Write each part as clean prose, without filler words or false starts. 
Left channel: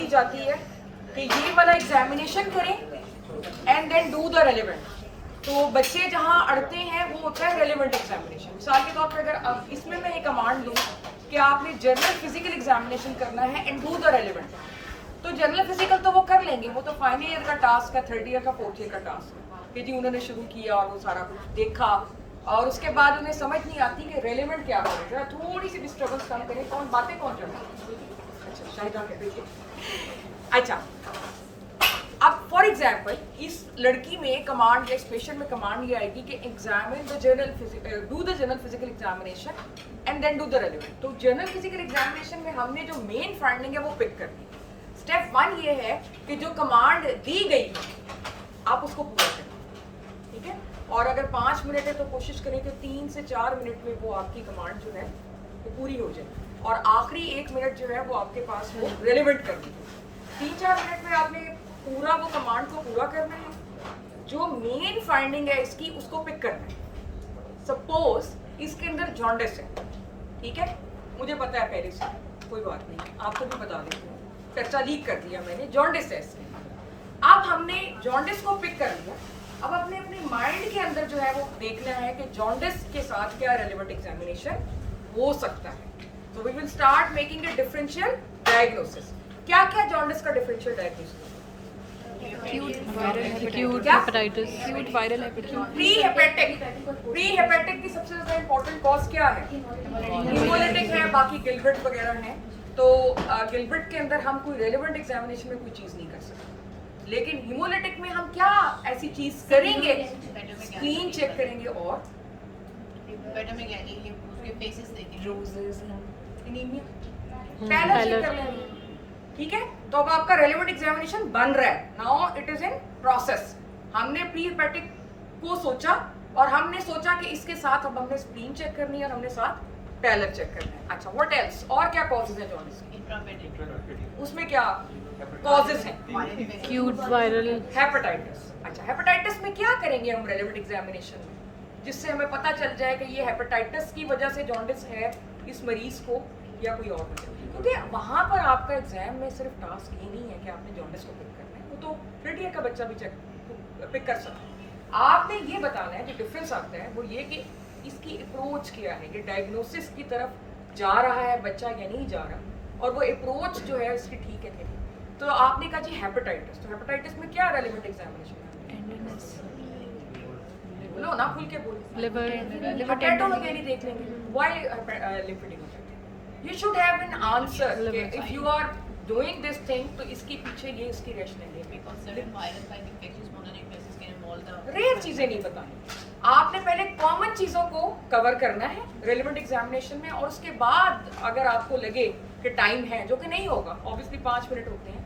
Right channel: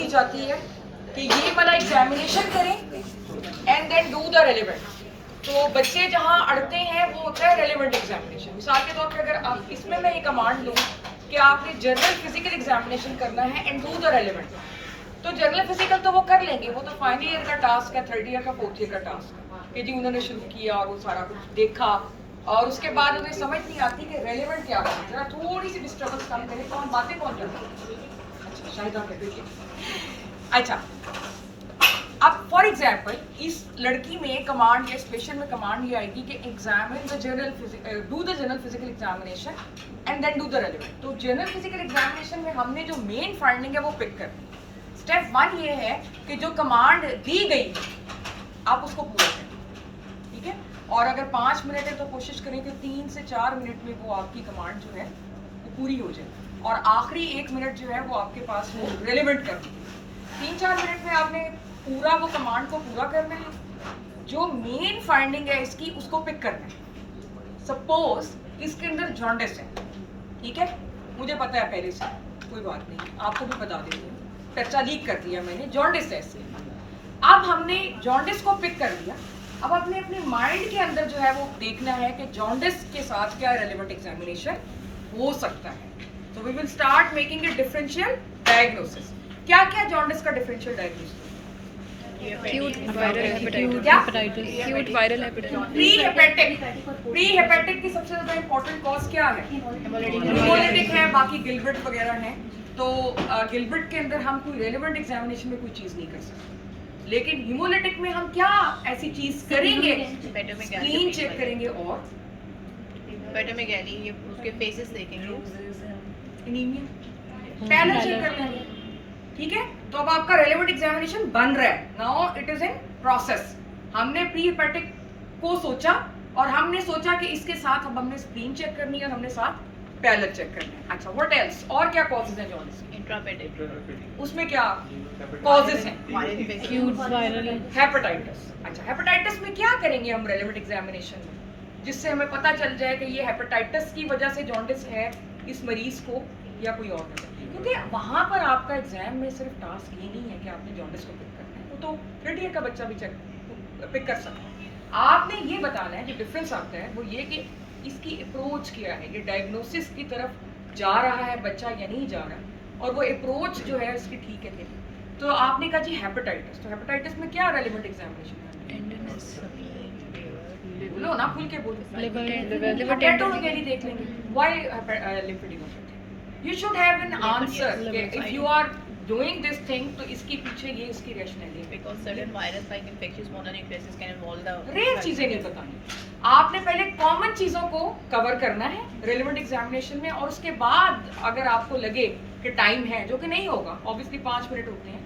की जाती है कि ये वाला एग्जामिनेशन करें and then do the relevant. तो बच्चे जहाँ अड़ते हैं वो होता है रेलिवेंट एग्जामिनेशन। मिसाल के तौर पर अगर आप इसमें मैं ये कमांड दूँ कि आपने जनरल फिजिकल एग्जामिनेशन करना है एंड डू द रेलिवेंट, तो जनरल फिजिकल तो वो कर लेंगे, वो तो फाइनल ईयर का टास्क है, थर्ड ईयर का, फोर्थ ईयर का टास्क है कि जी उन्होंने शुरू किया और वो सारा कुछ देखा और उसके बाद उन्हें समझ नहीं आती कि रेलिवेंट क्या करें। जरा थोड़ी सी डिस्टर्बेंस कम करें, कौन बातें कौन करता है? अच्छा शाहिदा कहते हैं। अच्छा, अब फॉर एग्जाम्पल इस लड़की में कमांड या स्पेशल में कमांड ये आएगी कि examine the general do the general physical examination and then do the relevant. तो जनरल फिजिकल एग्जामिनेशन में हमने जो मेन फाइंडिंग है वो पिक करनी है। स्टेप 1 ये है कि जो कमांड दी गई आप उसको पूरा करें, ठीक है। और अगर 5 मिनट है तो कोशिश करें कि 3 से 4 मिनट में वो आपकी कमांड जो है वो पूरी हो जाए और आखिरी 1 मिनट जो है वो आपके पास वो रेलिवेंट करनी है। 3-4 मिनट में आपने पूरा वो कमांड को पूरा करना है। जो मेन फाइंडिंग है इसकी उसको पिक करना है। सपोज इसके अंदर जॉन्डिस है, ठीक है, मुझे पता है पहले से, कोई बात नहीं, आपको भी बता देती हूँ, चर्चा लीक कर दिया मैंने, जॉन्डिस है इसमें। अब हमने जॉन्डिस को पिक कर लिया, अब अपने अपने माइंड के अंदर जो है वो देखना है कि जॉन्डिस के साथ क्या रेलेवेंट एग्जामिनेशन हो सकता है। तो we will start making a differential diagnosis. क्या क्या जॉन्डिस का differential diagnosis? Acute viral hepatitis. Acute viral hepatitis. Pre hepatic की सबसे ज्यादा इंपॉर्टेंट कॉज क्या है? हिमोलिटिक है, बाकी गिलबर्ट वगैरह है। तो गिलबर्ट के अंदर हम कोई रेलेवेंट एग्जामिनेशन में कोई चीज नहीं कर सकते, लेकिन हिमोलिटिक में हम क्या ऐसी चीज करेंगे? स्क्रीन चेक करेंगे और उसके फेसेस देखेंगे, एनीमिया, पैनल चेक कर लेंगे, ठीक है। तो अब आपका रेलेवेंट एग्जामिनेशन बन रहा है, now it is in process. हमने प्री हेपेटिक को सोचा और हमने सोचा कि इसके साथ अब हमने स्क्रीन चेक करनी है और हमने साथ पैलर चेक करना है। अच्छा, व्हाट एल्स? और क्या कॉजेज हैं जॉन्डिस के? इंट्रापेटिक, उसमें क्या कॉजेज हैं? Acute viral. हेपेटाइटिस। अच्छा, हेपेटाइटिस में क्या करेंगे हम रेलेवेंट एग्जामिनेशन में, जिससे हमें पता चल जाए कि ये हेपेटाइटिस की वजह से जॉन्डिस है इस मरीज को या कोई और नहीं? क्योंकि वहाँ पर आपका एग्जाम में सिर्फ टास्क ये नहीं है कि आपने जॉन्डिस को पिक करना है, वो तो थर्ड ईयर का बच्चा भी पिक कर सकता है। आपने ये बताना है, जो डिफरेंस आता है वो ये कि इसकी अप्रोच क्या है, ये डायग्नोसिस की तरफ जा रहा है बच्चा या नहीं जा रहा, और वो अप्रोच जो है उसकी ठीक है कि नहीं। तो आपने कहा जी हेपेटाइटिस, तो हेपेटाइटिस में क्या रेलेवेंट एग्जामिनेशन है? बोलो ना, खुल के बोलो। Liver. हेपेटोमेगाली देख लेंगे, why लिम्फेडेमाटाइटिस। You should have an answer if you are doing this thing, तो इसके पीछे ये इसकी रैशनैलिटी है। because certain virus like infectious mononucleosis can involve the rare चीजें नहीं बतानी, आपने पहले कॉमन चीजों को कवर करना है रेलेवेंट एग्जामिनेशन में, और उसके बाद अगर आपको लगे कि टाइम है, जो कि नहीं होगा, ऑब्वियसली 5 मिनट होते हैं,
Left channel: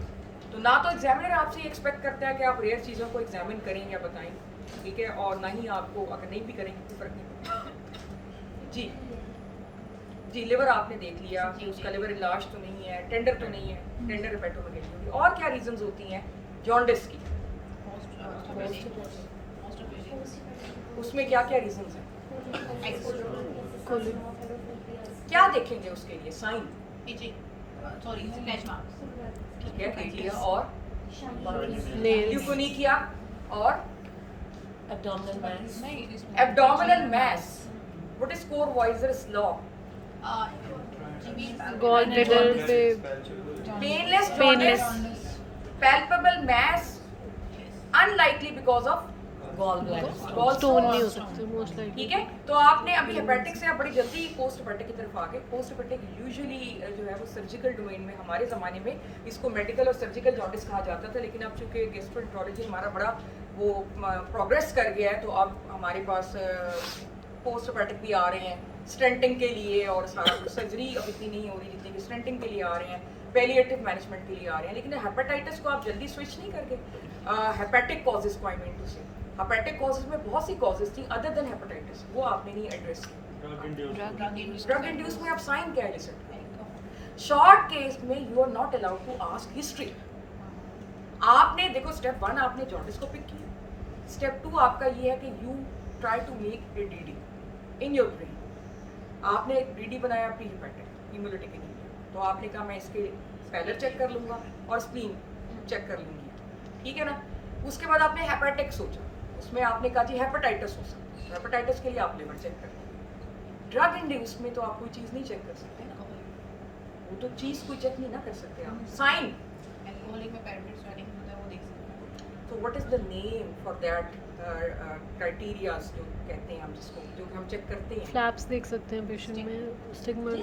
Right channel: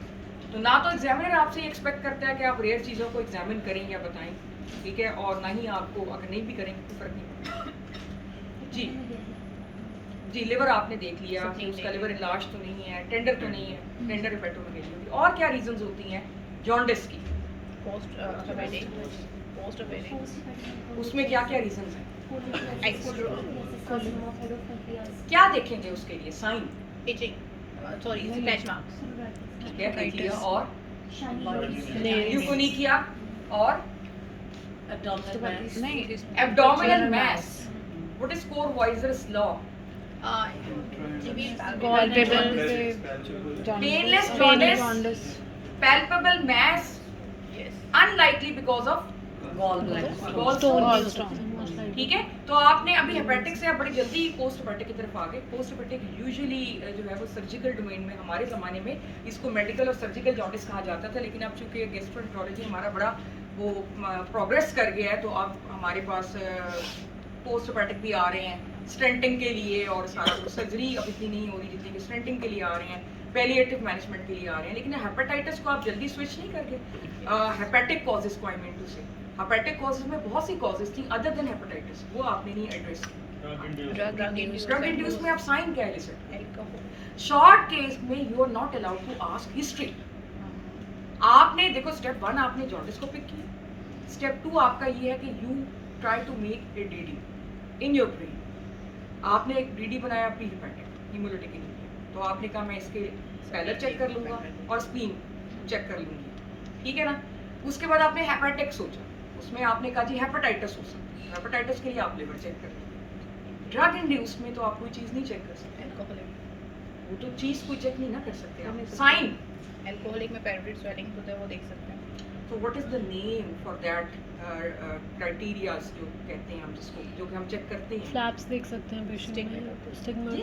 तो ना तो एग्जामिनर आपसे एक्सपेक्ट करता है कि आप रेयर चीजों को एग्जामिन करें या बताएं, ठीक है, और ना ही आपको अगर नहीं भी करेंगे तो फर्क नहीं पड़ता। जी जी, लिवर आपने देख लिया कि उसका लिवर इलाज तो नहीं है, टेंडर तो नहीं है, टेंडर हेपेटोमेगाली। और क्या रीजंस होती हैं जॉन्डिस की? post operating, उसमें क्या क्या रीजंस हैं? क्या देखेंगे उसके लिए sign? itching, sorry, scratch marks, ठीक है, देख लिया, और Nails. ल्यूकोनिकिया और नहीं. Abdominal mass. What is Courvoisier's law? Gallbladder से painless painless jaundice, palpable mass, yes, unlikely because of stone most likely. ठीक है। तो आपने अभी हेपेटिक से बड़ी जल्दी पोस्ट हेपेटिक की तरफ आ गए। पोस्ट हेपेटिक यूजुअली जो है वो सर्जिकल डोमेन में, हमारे ज़माने में इसको मेडिकल और सर्जिकल जॉन्डिस कहा जाता था, लेकिन अब चूंकि गैस्ट्रोएंटरोलॉजी हमारा बड़ा वो प्रोग्रेस कर गया है, तो अब हमारे पास पोस्ट हेपेटिक भी आ रहे हैं स्टेंटिंग के लिए, और सारा सर्जरी अब इतनी नहीं हो रही जितनी कि स्टेंटिंग के लिए आ रहे हैं, पैलिएटिव मैनेजमेंट के लिए आ रहे हैं। लेकिन हेपेटाइटिस को आप जल्दी स्विच नहीं करके हेपेटिक कॉजेज को, आई मीन टू से, हेपेटिक कॉजेज में बहुत सी कॉजेज थी अदर देन हेपेटाइटिस, वो आपने नहीं एड्रेस की। ड्रग इंड्यूस में आप साइन क्या है? शॉर्ट केस में you are not allowed to ask history. आपने देखो, स्टेप 1 आपने जॉन्डिस को पिक किया, स्टेप 2 आपका ये है कि you try to make a DD in your brain. आपने एक डीडी बनाया प्री हेपेटिक हिमोलिटिक के लिए, तो आपने कहा मैं इसके पैलर चेक कर लूँगा और स्प्लीन चेक कर लूँगी, ठीक है ना। उसके बाद आपने हेपेटिक सोचा, उसमें आपने कहा जी हेपेटाइटिस हो सकती है, हेपेटाइटिस के लिए आप लिवर चेक कर लेंगे। ड्रग इंड्यूस में तो आप कोई चीज़ नहीं चेक कर सकते, एल्कोहलिक वो तो चीज़ कोई चेक नहीं ना कर सकते आप। साइन, एल्कोहलिक में पेरिफेरल स्वेलिंग होता है, वो देख सकते हैं। तो what is the name for that criterias जो कहते हैं हम जिसको, जो कि हम चेक करते हैं। फ्लैप्स देख सकते हैं पेशेंट में, stigma.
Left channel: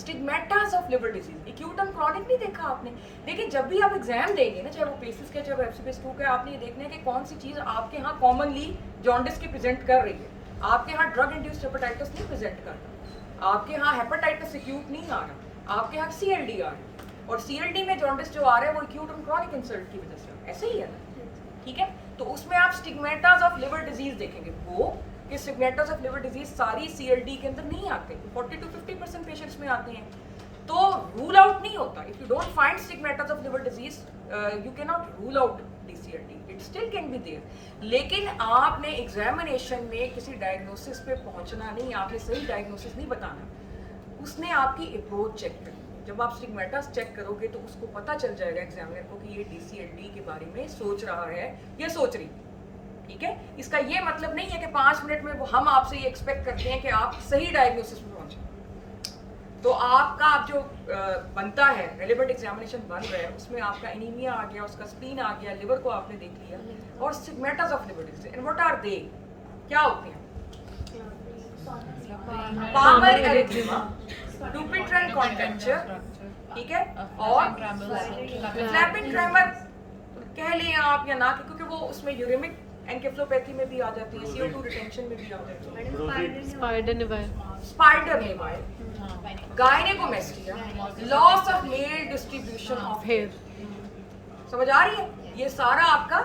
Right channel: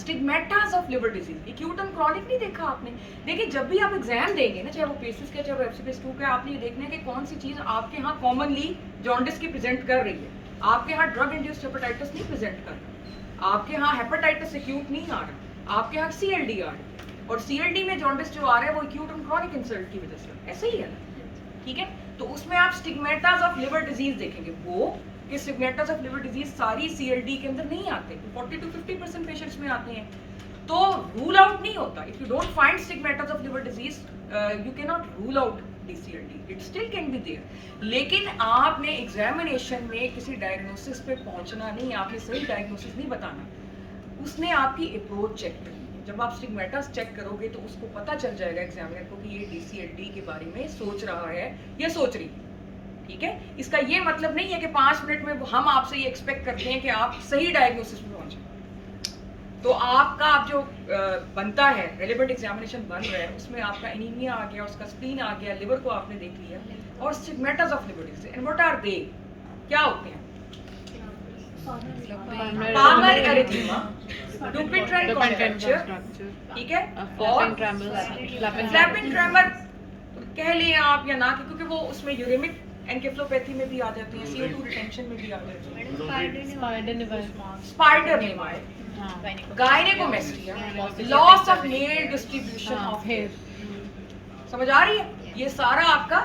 Stigmata of liver disease, acute and chronic नहीं देखा आपने। देखिए जब भी आप एग्जाम देंगे ना, चाहे वो पेसिस का चाहे वो एफसीपीएस 2 का, आपने ये देखना है कि कौन सी चीज आपके यहाँ कॉमनली जॉन्डिस की प्रेजेंट कर रही है। आपके यहाँ ड्रग इंड्यूस्ड हेपेटाइटिस नहीं प्रेजेंट कर रहा, आपके यहाँ हेपेटाइटिस एक्यूट नहीं आ रहा, आपके यहाँ सीएलडी आ रहा है, और सीएलडी में जॉन्डिस जो आ रहा है वो एक्यूट एंड क्रॉनिक इंसल्ट की वजह से ऐसे ही है, ठीक है। तो उसमें आप स्टिग्मेटास ऑफ लिवर डिजीज देखेंगे, वो कि स्टिग्मेटास ऑफ लिवर डिजीज सारी सीएलडी के अंदर नहीं आते, 40 to 50% पेशेंट्स में आते हैं, तो रूल आउट नहीं होता। If you don't find stigmata of liver disease you can not rule out DCLD, it still can be there. लेकिन आपने एग्जामिनेशन में किसी डायग्नोसिस पे पहुंचना नहीं, आपने सही डायग्नोसिस नहीं बताना, उसने आपकी अप्रोच चेक करनी है। जब आप स्टिग्मेटास चेक करोगे तो उसको पता चल जाएगा एग्जामिनर को कि ये DCLD के बारे में सोच रहा है या सोच रही है, ठीक है। इसका ये मतलब नहीं है कि 5 मिनट में हम आपसे ये एक्सपेक्ट करते हैं कि आप सही डायग्नोसिस पे पहुंचे। तो आपका आप जो बनता है, रेलेवेंट एग्जामिनेशन बन रहा है, उसमें आपका एनीमिया आ गया, उसका स्प्लीन आ गया, लिवर को आपने देख लिया, और stigmata of liver disease, and what are they, क्या होते हैं? पामर एरिथेमा, डुपिट्रल कॉन्ट्रैक्चर, ठीक है, और फ्लैपिंग ट्रेमर कह लिए आप या ना, क्योंकि वो उसमें यूरेमिक एनकेफ्लोपैथी में भी आ जाती है, CO2 रिटेंशन में भी आ जाती है, spider naevi, spider naevi, gynaecomastia, loss of male distribution of hair, समझ आ रही है? ये सारा आपका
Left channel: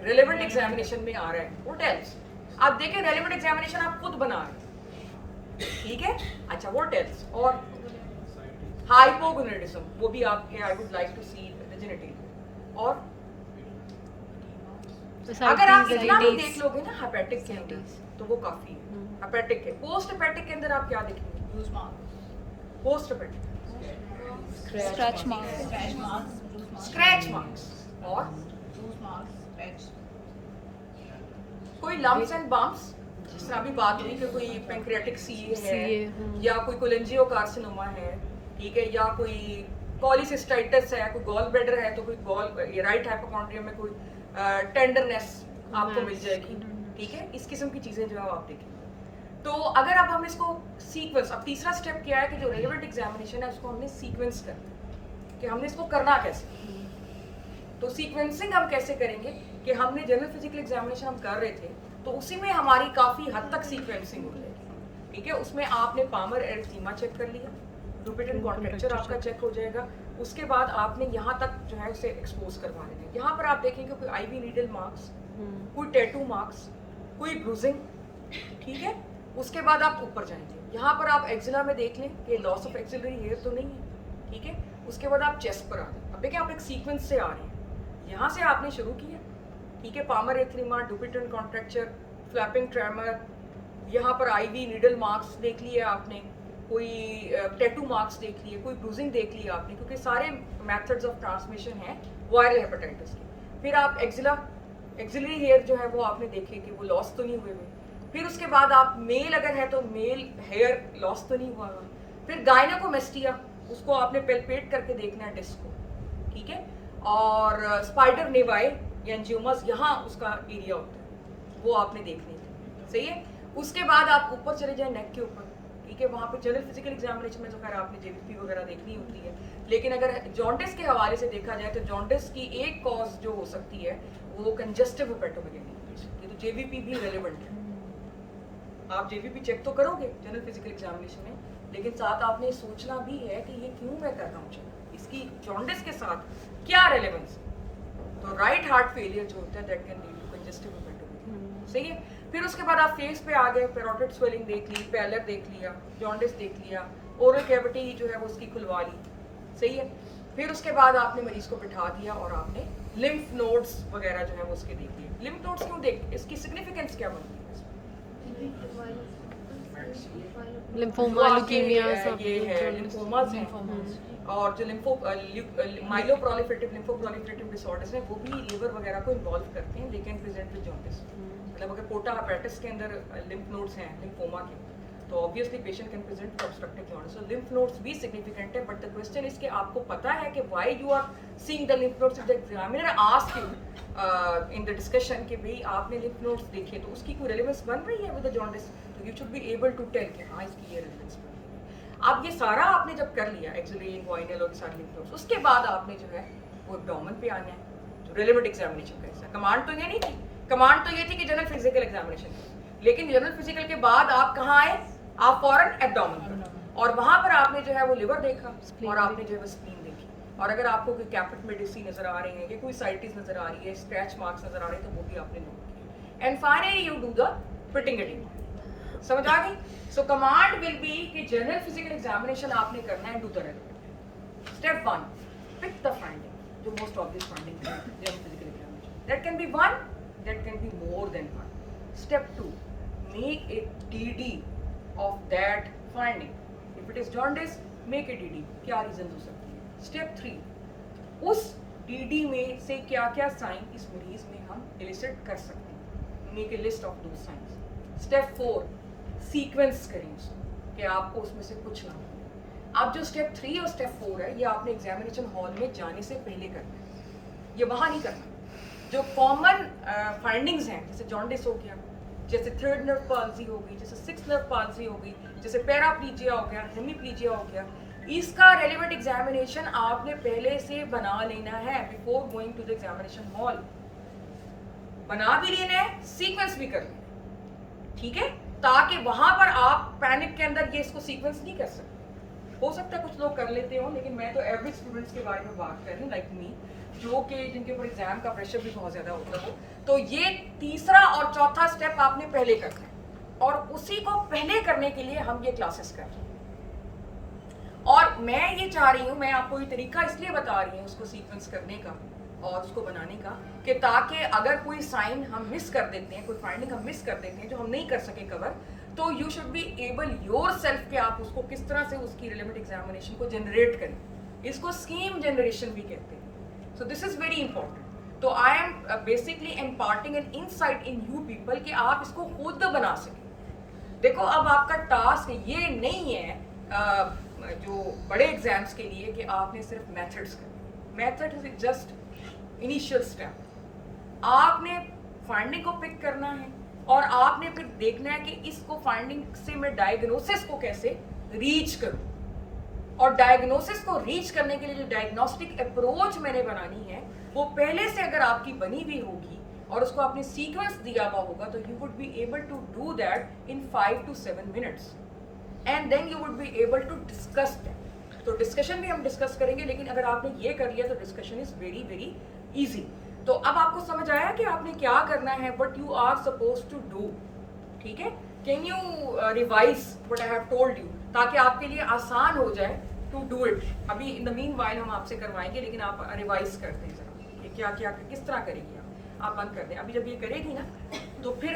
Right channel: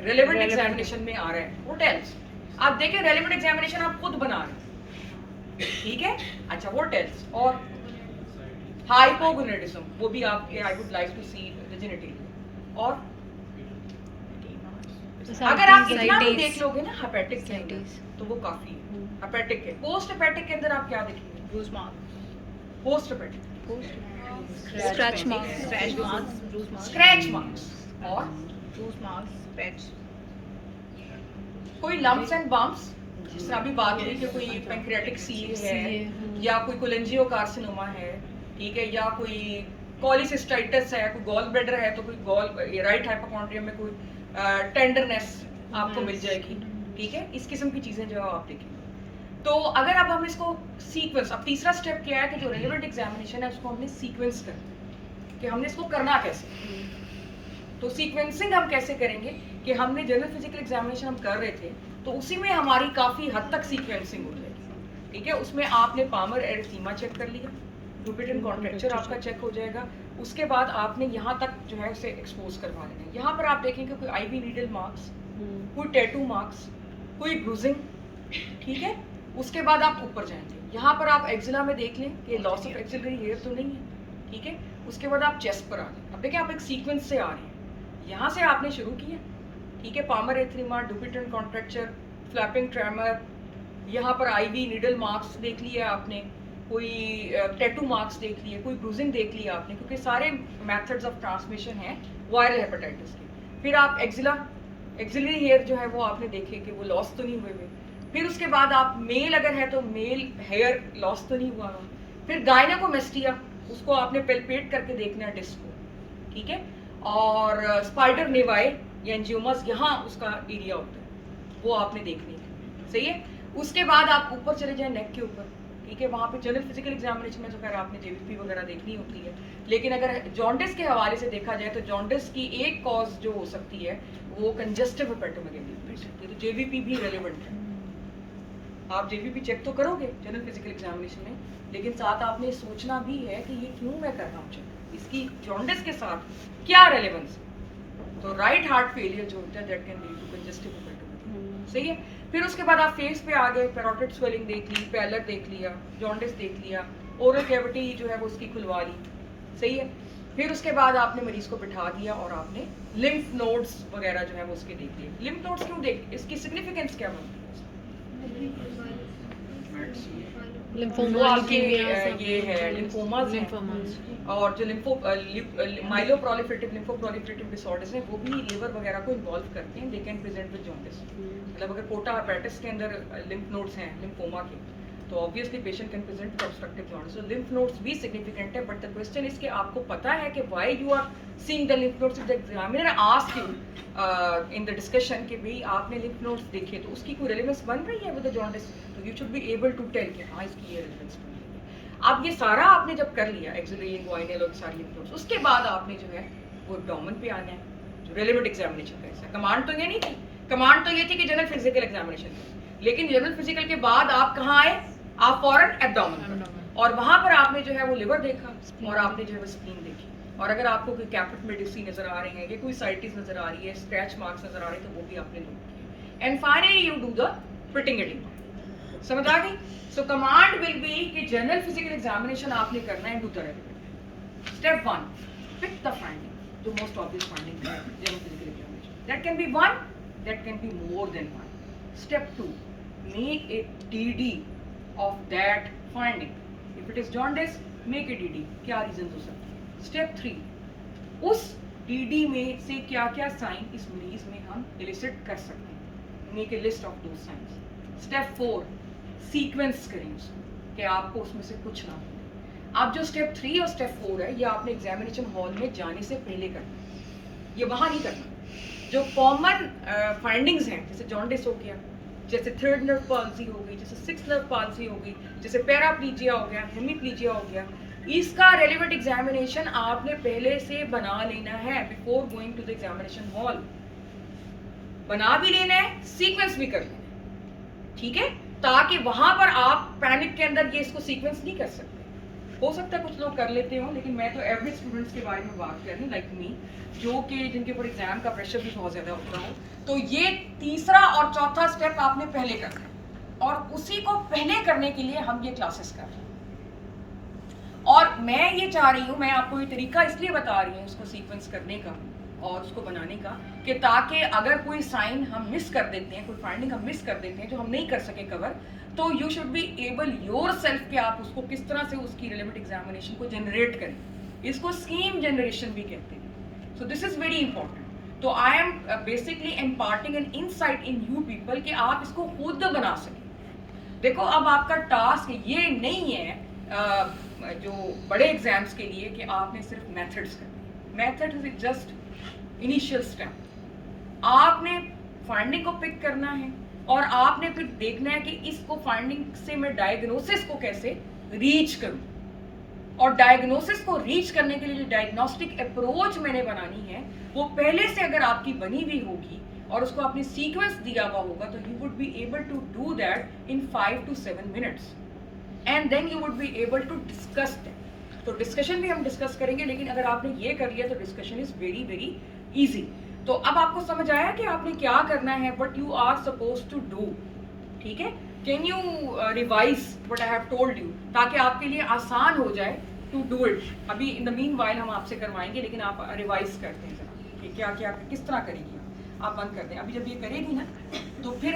रेलेवेंट एग्जामिनेशन में आ रहा है। What else? आप देखें रेलेवेंट एग्जामिनेशन आप खुद बना रहे हैं, ठीक है। अच्छा, व्हाट एल्स? और हाइपोगोनेडिज्म, वो भी आपके I would like to see rigidity. और अगर आप इतना भी देख लोगे ना हेपेटिक के अंदर, तो वो काफी है। हेपेटिक के पोस्ट हेपेटिक के अंदर आप क्या देखेंगे? Bruise marks, post hepatic scratch marks, scratch marks, bruise marks, scratch marks, और ब्रूज मार्क्स, पैच, कोई लम्प्स एंड बम्प्स, जिस तरह अभी बात हुई कि कोई पैंक्रियाटिक सील है, या कोई कोलेंजियोकार्सिनोमा है, ठीक है, या कोई कॉलिसिस्टाइटिस है, कोई गॉल ब्लैडर है, तो कोई गॉल राइट हाइपोकॉन्ड्रियम में कोई टेंडरनेस आपको मिल जाएगी, ठीक है। इस किस्म की चीजें जो आप देखेंगे। तो अगर अब हम इसको सीक्वेंस, अब तीसरा स्टेप क्या है कि जो रेलेवेंट एग्जामिनेशन है उसको हमने सीक्वेंस करना, कि हमने इसको करना कैसे। तो सीक्वेंसिंग हम कैसे करेंगे कि हमने जनरल फिजिकल एग्जामिनेशन हम कर रहे थे, तो उसी में हमारी काफ़ी हद तक सीक्वेंसिंग हो जाएगी, ठीक है। उसमें आपने पामर एरिथेमा चेक कर लिया, डुपिट्रल कॉन्ट्रैक्चर आपका चेक हो जाएगा, उसके बाद आपने यहाँ तक जो है उसे एक्सपोज करवा लेना है। यहाँ पर आप देखेंगे कोई IV नीडल मार्क्स, कोई टैटू मार्क्स, कोई ब्रूजिंग, ठीक है। उसके बाद आप ऊपर जाएंगे, यहाँ पर आप एक्सिला में देख लें कि लॉस ऑफ एक्सिलरी हेयर तो नहीं है, ठीक है। उसके बाद आप चेस्ट पर आ जाए। अब देखिए आप एक सीक्वेंस से आ रहे हैं, यहाँ से आपने शुरू किया, ठीक है। Palmar erythema, Dupuytren contracture, flapping tremor, यहाँ पर IV नीडल मार्क्स देख लिया आपने, कोई टैटू मार्क्स देख लिए, कोई ब्रूजिंग देख लिया आपने, क्योंकि सारे मेथड्स ऑफ ट्रांसमिशन हैं वायरल हेपेटाइटिस के। फिर आप एक्सिलरी हेयर जो है वो आपने देखे कि वो लॉस तो नहीं हुए। फिर उसके बाद आप मेल अगर है तो मेल हेयर लॉस तो नहीं हुआ। फिर गायनेकोमेस्टिया, उसको आपने पेल्पेट करके देखना है डिस्क को, ठीक है। और स्पाइडर निवाई या एंजियोमास, यहाँ उसका एरिया होता है, वो आपने देखनी है, सही है। उसके बाद आप ऊपर चले जाए नेक के ऊपर, ठीक है। वहाँ पे जनरल फिजिकल एग्जामिनेशन में तो खैर आपने JVP वगैरह देखनी होती है, लेकिन अगर जॉन्डिस के हवाले से देखा जाए तो जॉन्डिस की एक कॉज जो हो सकती है वो कंजेस्टिव हेपेटोमेगाली हो सकती है, तो JVP भी रेलेवेंट है। आप JVP चेक तो करोगे जनरल फिजिकल एग्जामिनेशन में, लेकिन साथ आपने सोचना भी है कि ये क्यों मैं कर रहा हूँ चेक, इसकी जॉन्डिस के साथ क्या रेलेवेंस है। तो राइट हार्ट फेलियर जो होता है that can lead to congestive hepatomegaly, सही है। फिर उसके बाद आप फेस पे आ गए, पैरोटिड स्वेलिंग देख ली, पैलर देख लिया, जॉन्डिस देख लिया, ओरल कैविटी जो है वो उसकी खुलवा ली, सही है। फिर उसके बाद आपने मरीज को बिठा दिया और आपने लिम्फ नोड्स वगैरह जो है वो उसके देख लिए। लिम्फ नोड्स क्यों देख, इसकी सिग्निफिकेंस क्या बनती है? lymphocytes, लिम्फोमा, आपके, ल्यूकीमिया सब ये है लिम्फोमास हैं। लिम्फोमास। और जो माइलोप्रोलिफरेटिव लिम्फोप्रोलिफरेटिव डिसऑर्डर्स हैं वो भी लिवर वगैरह को इन्वॉल्व करते हैं। They can present with jaundice. मतलब अगर पोर्टा हेपेटिस के अंदर लिम्फ नोड्स हैं लिम्फोमा के, तो obviously patient can present with obstructive jaundice. So lymph nodes भी सिग्निफिकेंट है, बट द क्वेश्चन इज कि आपको पता है कि why you are seeing the lymph nodes. If the examiner asked you in the discussion कि भाई आपने लिम्फ नोड्स देखे तो उसकी कोई रेलेवेंस बन रही है विद द जॉन्डिस, तो you should be able to tell कि हाँ इसकी ये रेलेवेंस बन रही है। अब ये सारा आपने जब कर लिया एक्सिलरी लिम्फोइडियल और सारी लिम्फ नोड्स, उसके बाद आपने जो है वो एब्डोमेन पे आना है, जो रेलेवेंट एग्जामिनेशन का हिस्सा। कमांड तो ये नहीं थी, कमांड तो ये थी कि जनरल फिजिकल एग्जामिनेशन थी, लेकिन जनरल फिजिकल के बाद आप कहाँ आए, आप फौरन एब्डोमेन, और वहां पर आपने जो है वो लिवर देखा और आपने जो है वो स्प्लीन देखी। और अगर आपको कोई कैपिट मेडिसी नजर आ रही है या कोई साइटिस नजर आ रही है, स्क्रैच मार्क्स नजर आ रहे हैं, तो वो भी आपने नोट किए। And finally you do the fitting adding. समझ आ गई? सो कमांड विल बी कि जनरल फिजिकल एग्जामिनेशन आपने करना है, do the relevant. Step 1, pick the finding, जो मोस्ट ऑब्वियस फाइंडिंग है general physical examination. That can be 1, that can be more than 1. Step 2, make a DD of that finding. If it is jaundice, make a DD. क्या reason हो सकते हैं? Step 3, उस DD में से क्या क्या साइन इस मरीज में हम elicit कर सकते हैं, make a list of those signs. Step 4, sequence करें उसको कि आपको उसमें से कुछ ना मिले। अब जो स्टेप 3 और स्टेप 4 है, ये आपने एग्जामिनेशन हॉल में जाने से पहले करना है, ये वहाँ नहीं करना। जो कॉमन फाइंडिंग्स हैं, जैसे जॉन्डिस हो गया, जैसे थर्ड नर्व पाल्सी हो गई, जैसे सिक्स्थ नर्व पाल्सी हो गई, जैसे पैराप्लीजिया हो गया, हेमीप्लीजिया हो गया, इसका रेलेवेंट एग्जामिनेशन आपने पहले से बना लेना है before going to the examination hall. बना भी लेना है, सीक्वेंस भी कर लेना है, ठीक है, ताकि वहां पर आप पैनिक के अंदर ये इसको सीक्वेंस नहीं कर सकते। हो सकता है कुछ लोग कर लेते हो, लेकिन मैं तो एवरेज स्टूडेंट्स के बारे में बात कर रही हूँ, लाइक मी, जो कि जिनके ऊपर एग्जाम का प्रेशर भी बहुत ज्यादा होता हो। तो ये तीसरा और चौथा स्टेप आपने पहले कर दिया, और उसी को पहले करने के लिए हम ये क्लासेस कर रहे हैं। और मैं ये चाह रही हूँ, मैं आपको ये तरीका इसलिए बता रही हूँ उसको सीक्वेंस करने का और उसको बनाने का, कि ताकि अगर कोई साइन हम मिस कर देते हैं, कोई फाइंडिंग हम मिस कर देते हैं जो हम नहीं कर सके कवर, तो you should be able yourself कि आप उसको किस तरह से उसकी रिलेवेंट एग्जामिनेशन को जनरेट करें। इसको स्कीम जनरेशन भी कहते हैं। So this is very important. तो I am basically imparting an insight in you people कि आप इसको खुद बना सकें। देखो, अब आपका टास्क ये नहीं है जो बड़े एग्जाम्स के लिए कि आपने सिर्फ मेथड्स करने। Methods is just initial step. आपने फाइंडिंग को पिक करना है और आपने फिर देखना है कि इसको फाइंडिंग से मैं डायग्नोसिस को कैसे रीच करूं, और डायग्नोसिस को रीच करने के लिए जो डायग्नोस्टिक अप्रोच मैंने बनानी है वो पहले से अगर आपकी बनी हुई होगी और उसको आपने सीक्वेंस दिया हुआ होगा, तो you would be able to do that in 5 to 7 minutes, and then you would be able to discuss that. तो डिस्कशन भी हम डिस्कस करेंगे, लेकिन अगर आपने ये कर लिया तो discussion is very very easy. तो अब आपको समझ आया कि आपने क्या करना है, what you are supposed to do, ठीक है। Can you revise what I have told you, ताकि आपके लिए आसान हो जाए टू डू इट। अभी इन द मीन वाइल हम आपसे करवाएंगे, लेकिन आप रिवाइज करते हैं जरा कि क्या क्या किस तरह करेगी। आप बंद कर दें, अभी जब ये करेगी ना तो फिर